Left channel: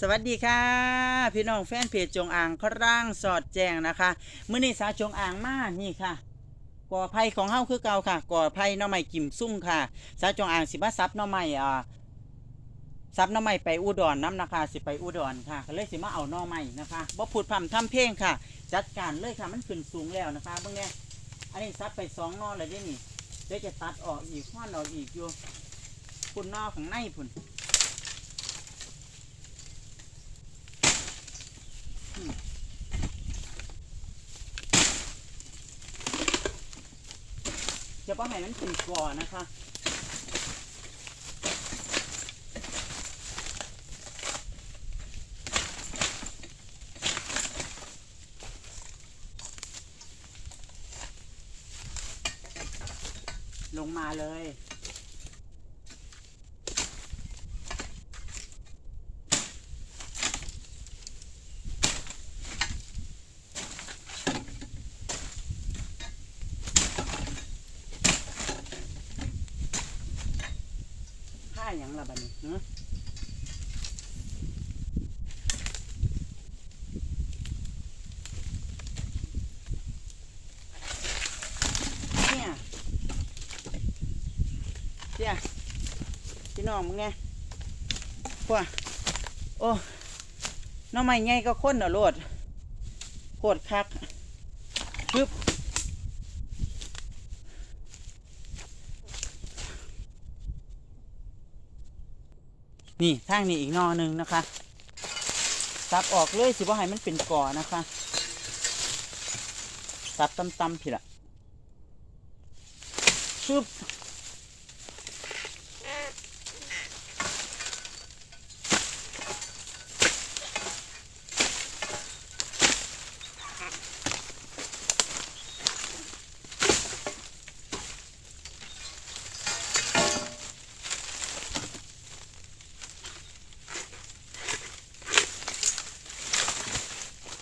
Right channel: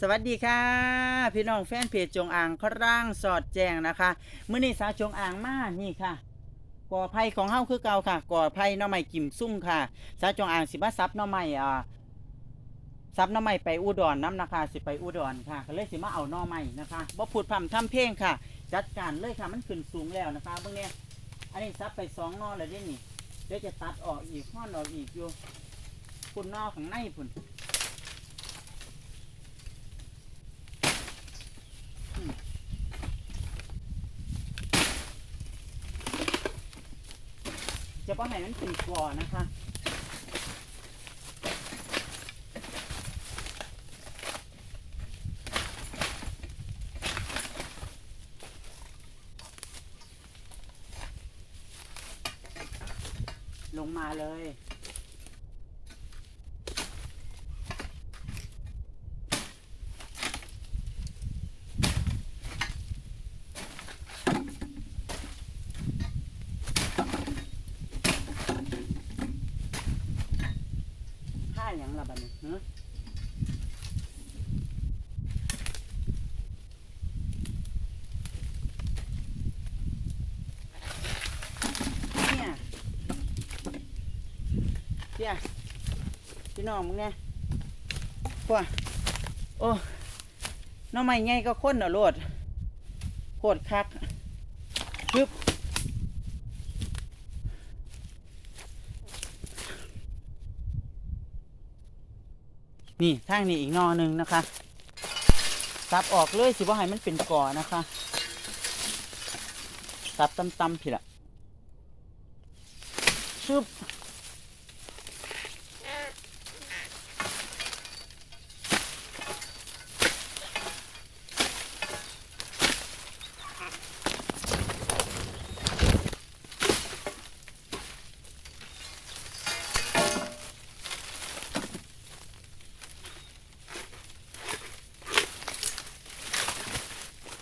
สวัสดีค่ะ พี่น้องแฟนเพจจงอ่างคร่างสอดแจงนะคะมื้อนี้สาจงอ่างมานี่ค่ะก่อไผ่ของเฮาคือเก่าค่ะก่อไผ่หน่อไม้กิมซุ่มค่ะสาจงอ่างสิมาซับหน่อไม้อ่าซับหน่อไม้ไปอุดรน้ำนะคะสิไปอุดรค่ะก็เลยสิมาเอาหน่อไม้นะคะบ่พูดพร่ำทำเพลงค่ะ จัดการเลยค่ะมันขึ้นสูงแล้วนะคะเบิ่งเนี่ยอันนี้ซับไปสองนอเลยเด้นี่เดี๋ยวจะตัดออกอีกห้อนออกอีกอยู่พุ่นนอข้างในพุ่น จะป้าให้มันเป็นก่อนนะคะลงมาเลย อย่างละบัดนี้ฮะเนี่ยเจ้าพี่น้องมึงไงพวกโอ้น้องใหม่ไงก็ค้นเอโลดโคตรคักปึ๊บ นี่ทางนี้อีกนอหนึ่งนะคะตัดออกเลยสิว่าให้มันเป็นก่อนะคะตัดตำๆผิดละชึบ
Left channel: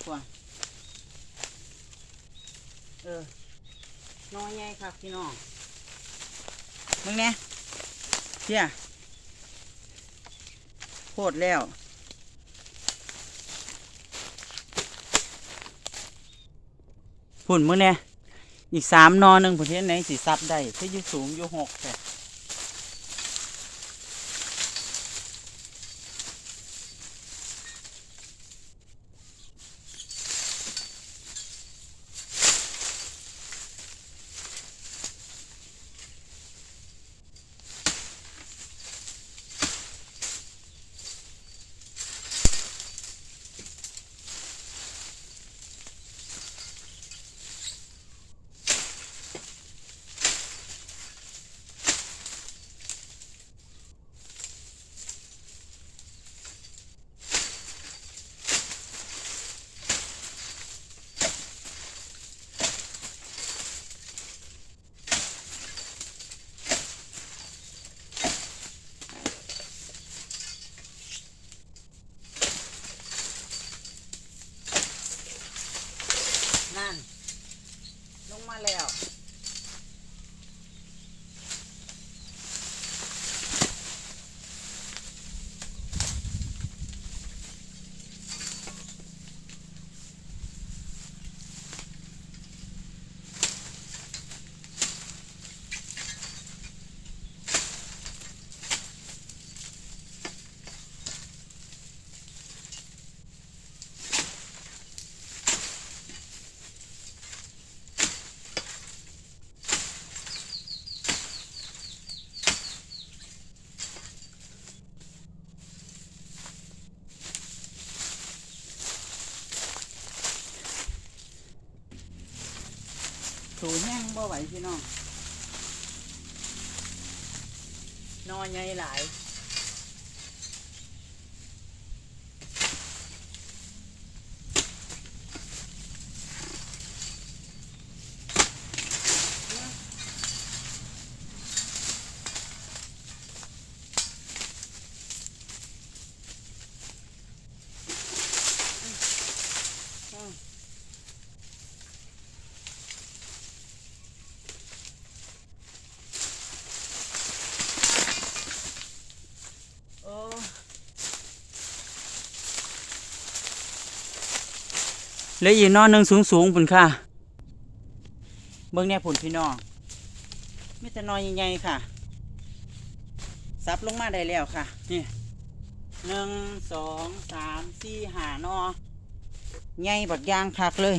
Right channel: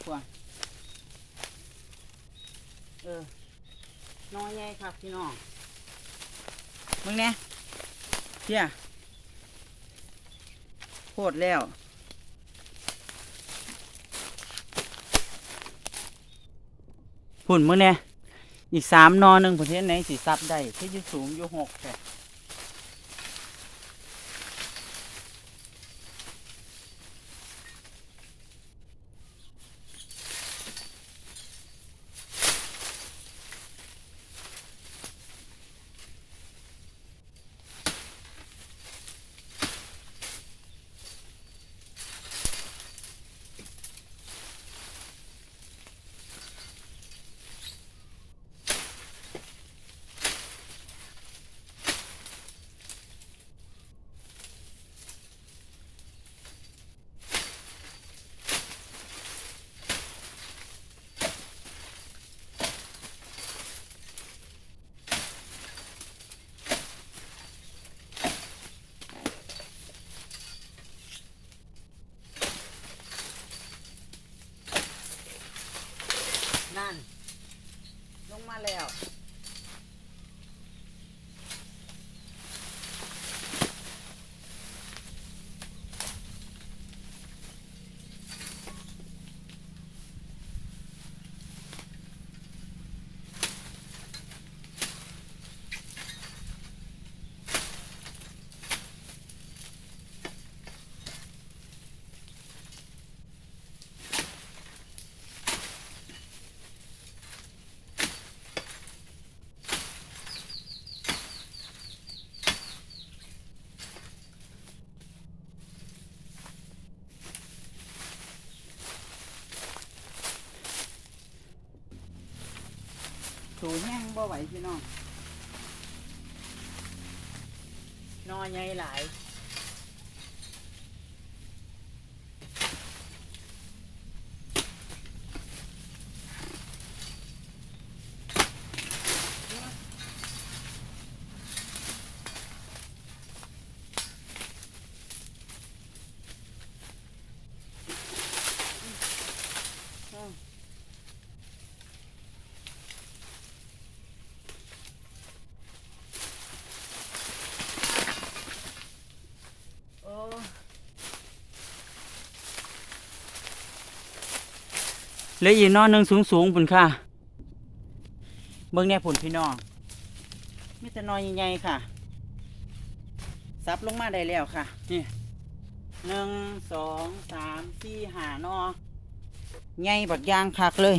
พวงเออน้อยใหญ่ ครับพี่น้องมึงเนี่ยเชี่ยโคตรแล้วพุ่นมึงเนี่ยอีกสามนอหนึ่งประเทศไหนสีซับได้ที่อยู่สูงอยู่หกแต่ นั่น ลง มาแล้ว ถูแห้งบ่ไหวพี่น้องนอใหญ่หลาย พ เลืออีกนอนหนึ่งสูงสูงๆพุ่นค่ะ เบิ่งแน่พุ่นพี่น้องมีแต่นอนใหญ่ๆค่ะซับลงมาได้แล้วค่ะ นี่หนึ่งสองสามสี่หานอใหญ่บักอยางคักเลย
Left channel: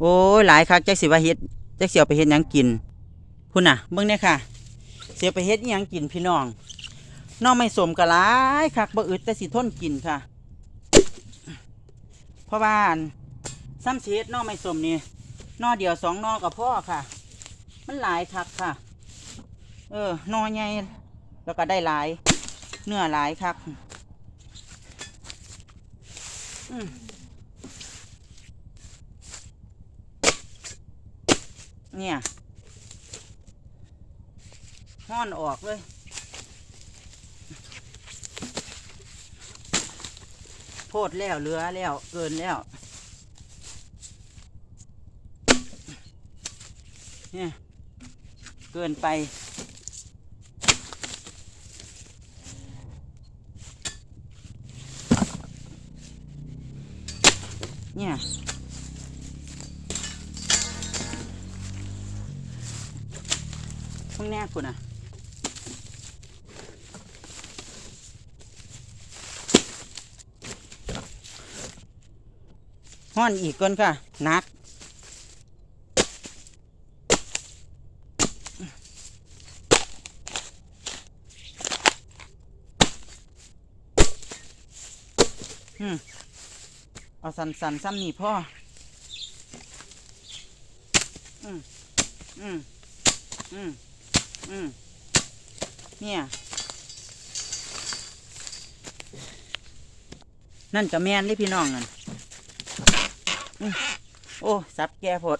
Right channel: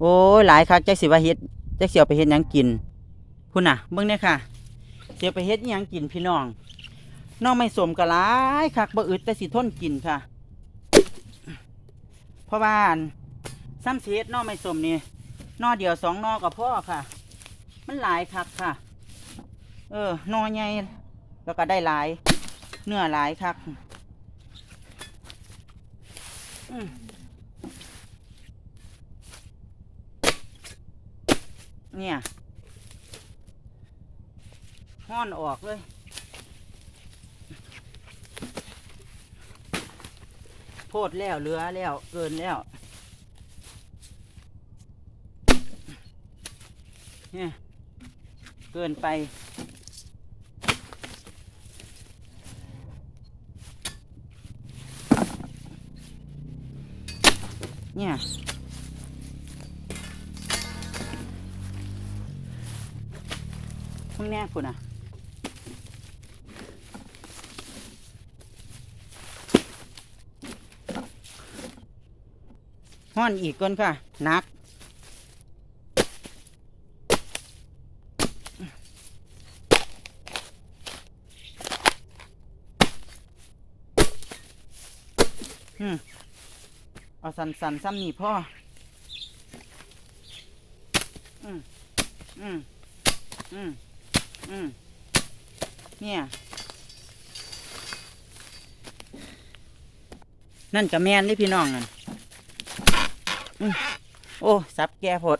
โอ้ยหลายคักจักสิว่าเฮ็ดแจักสิเอาไปเฮ็ดยังกินพุ่นน่ะเบิ่งเนี่ยค่ะ เสียวไปเฮ็ดยังกินพี่น้องน้องไม่สมกะหลายคักบ่อึดแต่สิทนกินค่ะเพราะว่าน ซ้ำเสียดนอไม่สมนี่นอเดียวสองนอกับพ่อค่ะ มันหลายคักค่ะ เออนอใหญ่แล้วก็ได้หลาย เนื้อหลายคักอืมเนี่ยห้อนออกเลย โพดแล้วเหลือแล้ว เกินแล้ว เนี่ยเกินไป เนี่ยพวกแน่คุณอะห้อนอีกก่อนค่ะนัก อืมเอาสันสันๆซ้ำนี่พ่อ อืมอืมอืมอืมเนี่ย นั่นกับแมนนี่พี่น้องนั่นโอ้ สับแก่ผด